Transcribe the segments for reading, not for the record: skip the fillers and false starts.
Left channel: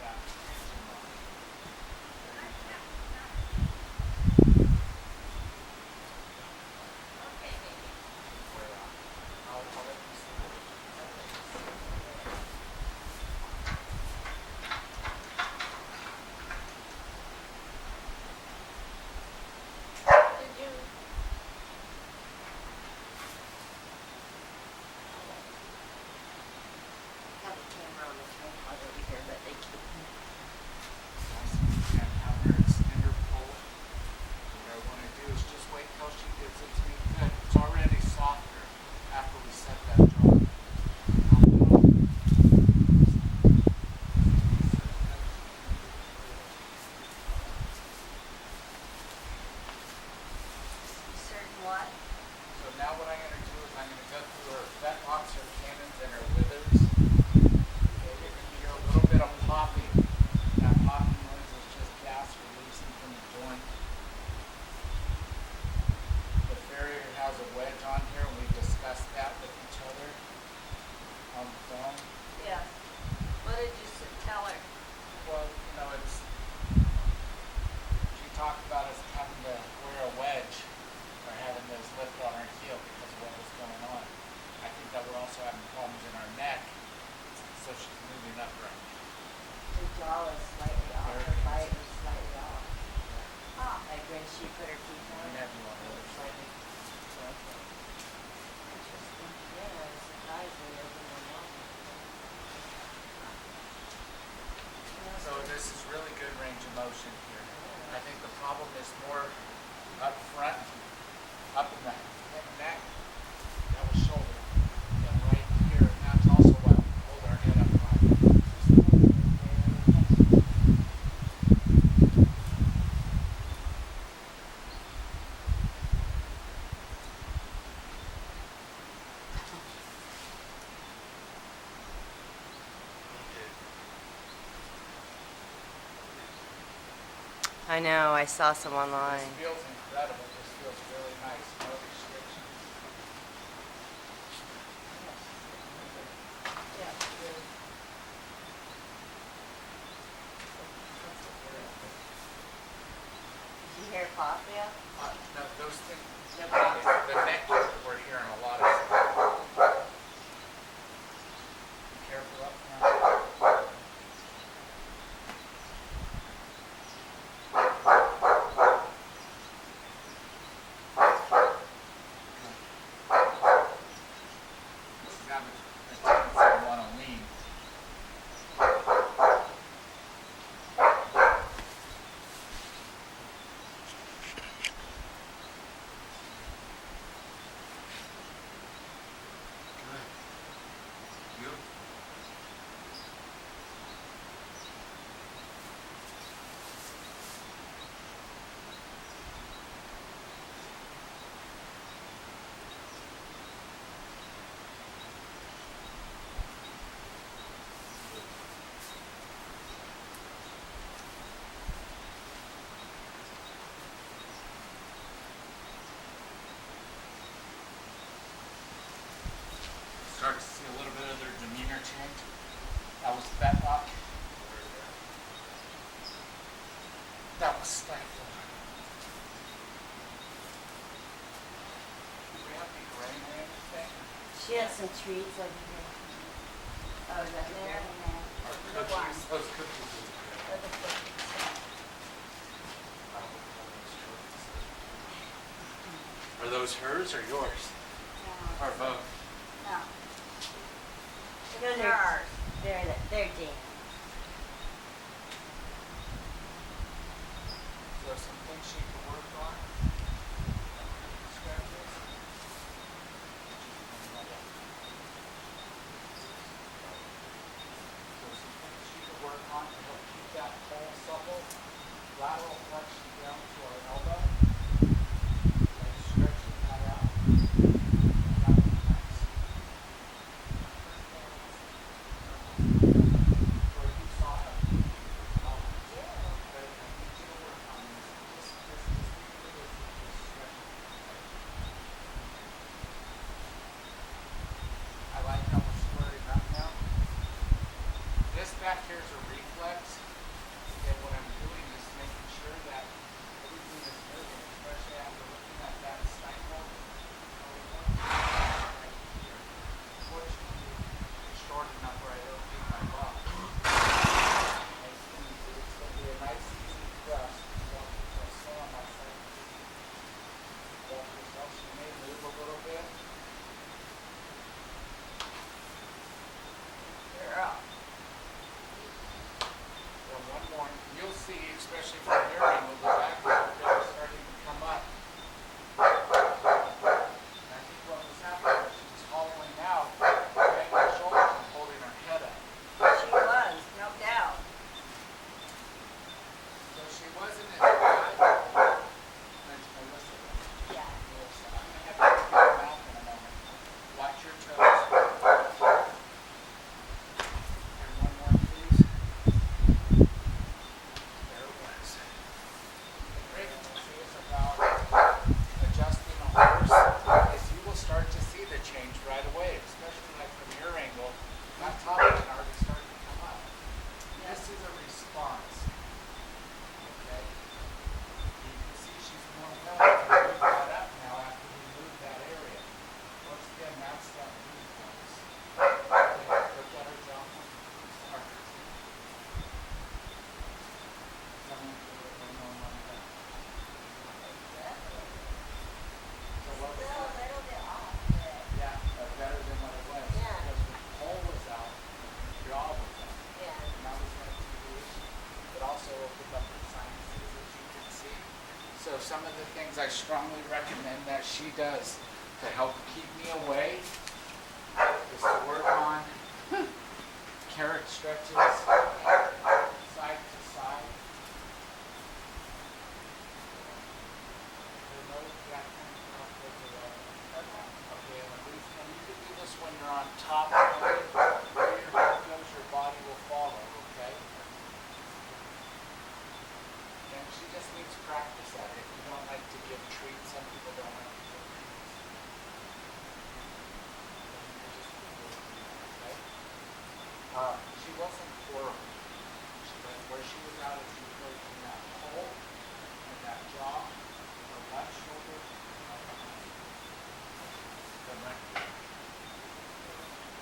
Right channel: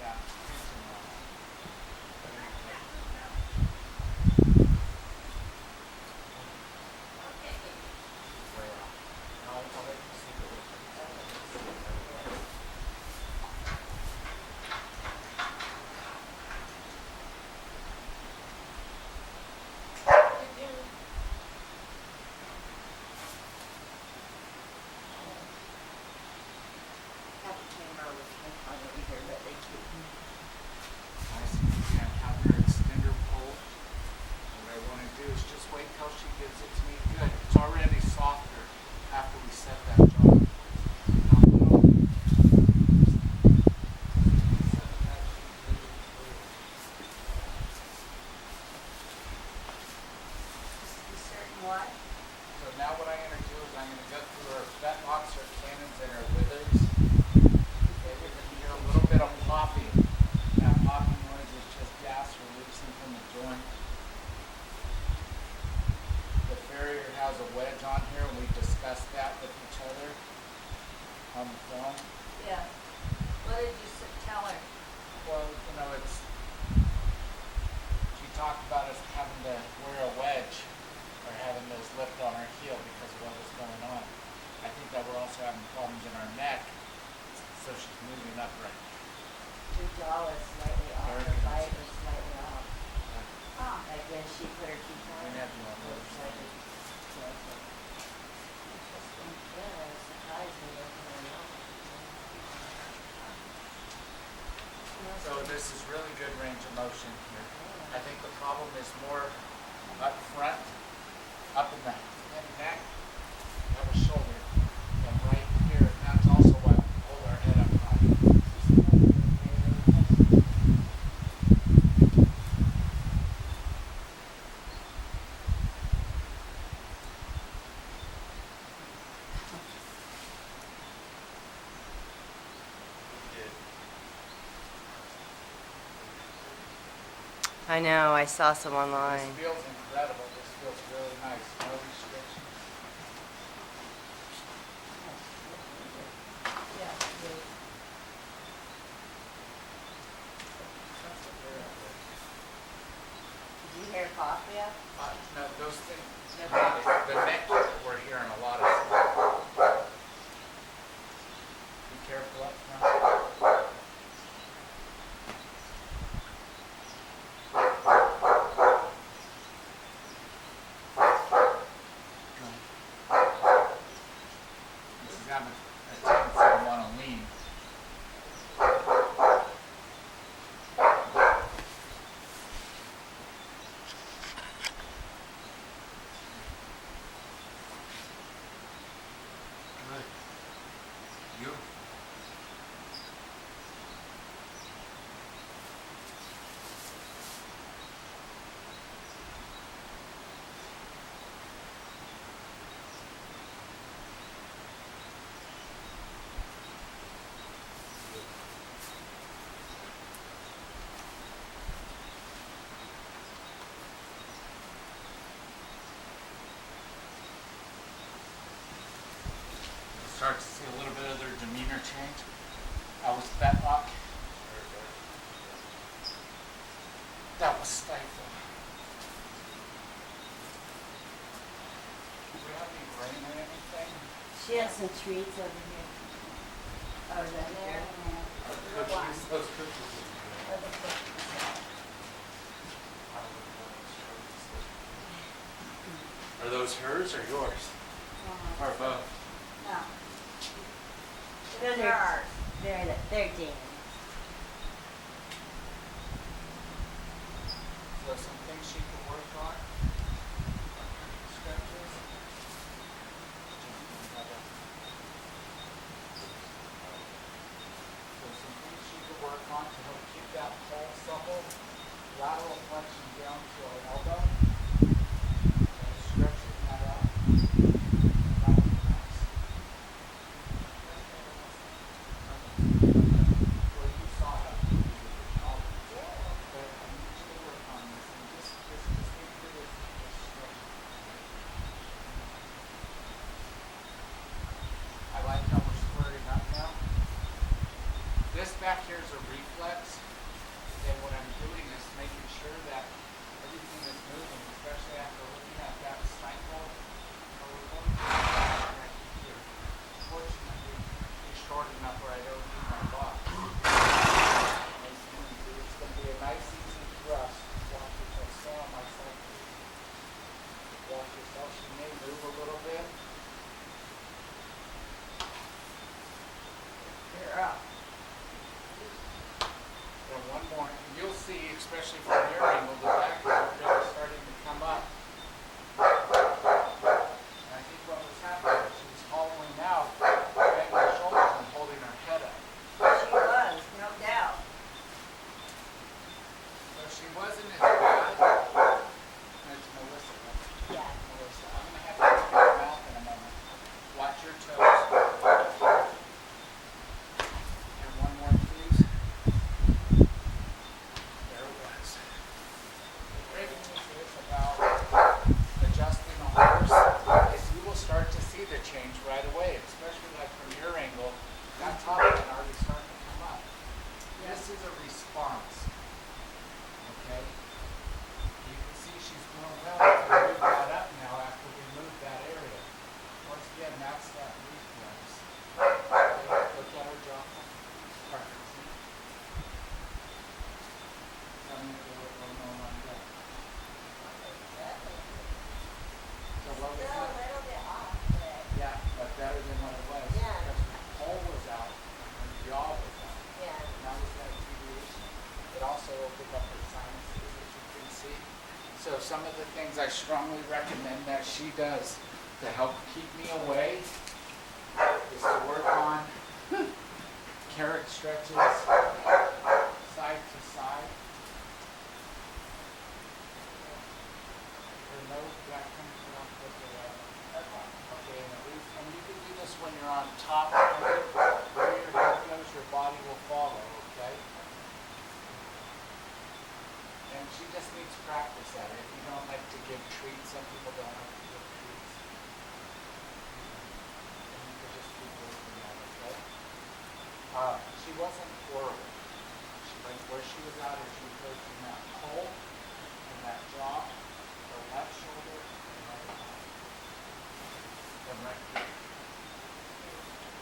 that tension on it. There you go. Okay, baby. She's way off. And I'll let you see the difference. You'll see it right away. Did you? Have a camera on the tripod over here, but they can't hear me. Nice and easy. I'm having her extender pull. And what I want to do is just wait till she gives it to me. Good. It's already softer after we set that jaw in place. Now, little. Just be certain that she's moving freely. Just be certain what? So now what I'm going to do is I'm going to go through her fetlocks, her cannons, and her withers. Okay, you're going to hear a little bit of popping. That popping noise is just gas releasing from the joint. The farrier has a wedge on here, and we discussed that with each other on the phone. Yes. What did you tell her? Well, you know, she talked about us having to wear a wedge or having those lift on our heel because of what was going on. I think that we're also having problems in our neck, so she's moving upright. Her jaw was slightly off. There it Her goes. bite was slightly off. Good. Huh. Like when she put her teeth We out, can have you on the it other was side. slightly canceled. Interesting. Yeah, I was surprised when you opened her mouth. I didn't really see that. Huh. I didn't know So she- this is really good range of motion here. Yeah. I think the problem is more up front, up in the head and neck, that was shoulder, and right here, and that's also why we hold our head up high. Just touching it there when you touched it. Immediate increased duties. I know. I saw some This online. feels incredible. This feels really nice. No restrictions. Yeah, she's so limber. Yeah, she is. That's what Very it is. good. Did you hear pop, yeah? No, those things. No The problem. neck, we're hearing a lot of stuff. Be careful up front. Good. And she's having a tendency to want to lean. Good. Beautiful. You'll start to see a little bit of their demeanor change. That was fetlock. I heard that. That was stifle. Do we have any grain or anything? She has some treats over here. Oh, is that There there? and there. Or The one. cookies? Those cookies would be good. Or the cookies. Wow, look at all those trophies. Those are beautiful. Are those hers or yours? Or both? No. No, It's they're- ours. They're Dan's. So some things she could work on are cookie scratches. Which is when we have that. So some things she could work on to help keep that pole supple. Lateral flexion down to our elbow. Okay, stretching that out. That was a mess. Mostly on this side. Almost. Well, you saw how deep the jaw was. Yeah. But I need you to work on this and just think of it as stretching, okay? I like how we're squaring up now. This back here is a reflex, and what I'm doing is making sure that everything is moving, especially after looking at that stifle. But we're going to right here. Fortunately, she's short enough where I don't need my box. Nice and easy. It's going to be a nice, easy thrust. Watch yourself. Stand on my side, please. Watch yourself. She may move a little bit. Good girl. And one more, and you'll see, especially from your angle, the back is already starting to come up. And I think what was happening was she was hollowing out, bending her shoulders and holding her head up. She was, no doubt. So she wasn't as bad. And it's Melissa, right? Yeah. Melissa, I'm going to have you look at her mouth in a moment. Watch your toes. And one more, please. There it was. The great news is about adjusting the horse is you will start to see the change right away, especially like from your angle. That top line already starting to come up. Yeah. This is a response. Okay? You can see she's more willing to move that up now after we move that area. Once again, that's that reflex. Okay? Look at her jaw for me, please, or her teeth. And tell me if they look a little more lined up. Oh, definitely. So what was Still a that? little bit off, but Yeah, but better than what it was. Yeah. Because her pole was out, or her jaw was out. yeah. And that was that deviation. It also opened up her sinuses, as you can see. So some of the things I strongly recommend that she does to help keep me away is to work on carrot stretches, side to side. Her nose back kind of down towards her elbow. Okay. Okay, and the reason, and you can do this when you're on top, honey. Where your head goes, your body will follow, okay? There you go. And she just needs practice at it. If you don't like to give treats, some people don't like to give treats. There you go. And you could just keep working that, okay? She wasn't horrible. But where she was out, as you heard, in that pole, in that jaw, the left shoulder, and right hind. And right here.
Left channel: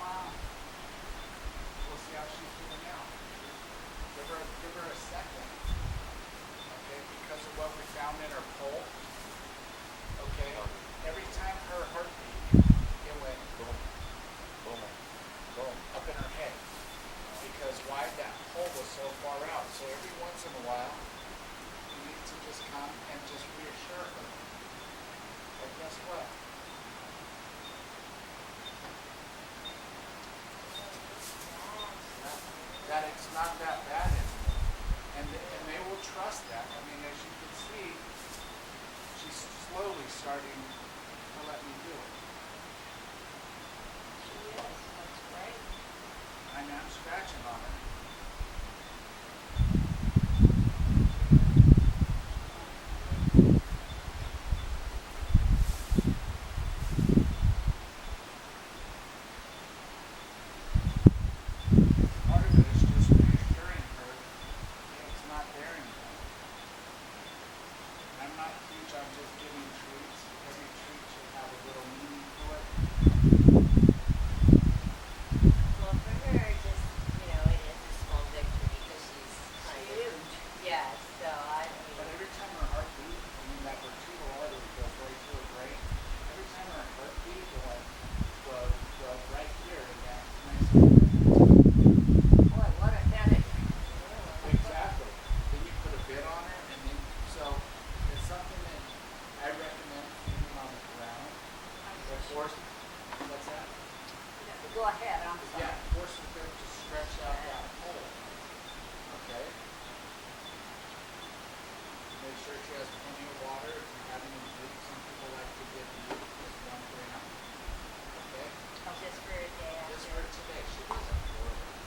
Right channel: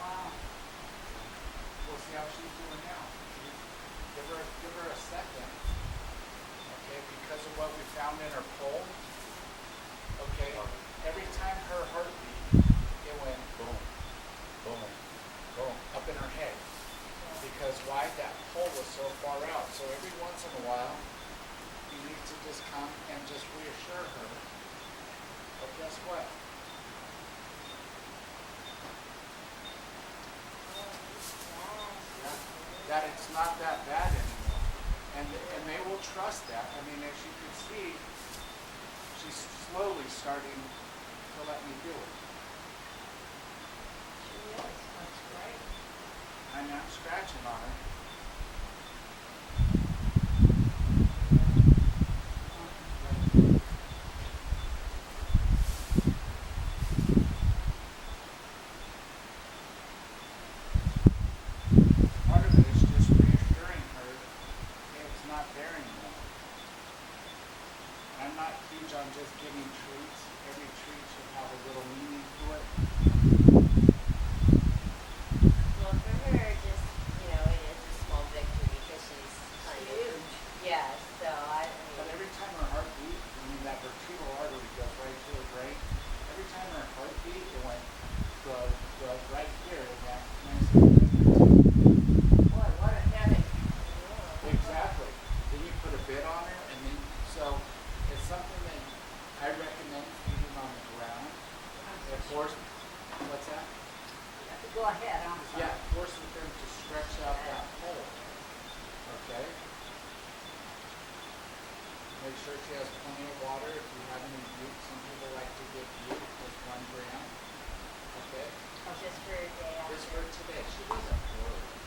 Wow. Yeah. We'll see how she's doing now. Give her a second. Okay, because of what we found in her pole. Okay. Every time her heart beat, it went boom, boom, boom, up in her head. Because why? That pole was so far out. So every once in a while, you need to just come and just reassure her that guess what? Oh, yeah. Yeah, that it's not that bad anymore. And they will trust that. I mean, as you could see, she's slowly starting to let me do it. She is, that's great. And I'm scratching on her. Wow. Part of it is just reassuring her, hey, it's not there anymore. And I'm not huge on just giving treats. Every treat should have a little meaning to it. Well, for her, just, it is a small victory because she's kind of, Huge. yeah, so I mean, But every time her heart beat, I mean, that vertebral artery goes right to her brain. Every time her heart beat, it went the right here in that nice little brain area. Boy, what a headache. yeah. Exactly. Then you put a bit on her, and then, so it's something that I recommend feeding on the ground. It forces, what's that? Go ahead, I'm sorry. Yeah, it forces them to stretch out that pole. Okay? Make sure she has plenty of water. If you have any butte, some people like to give butte, just 1 gram. Okay? Just for a day after. Just for today. She wasn't horrible.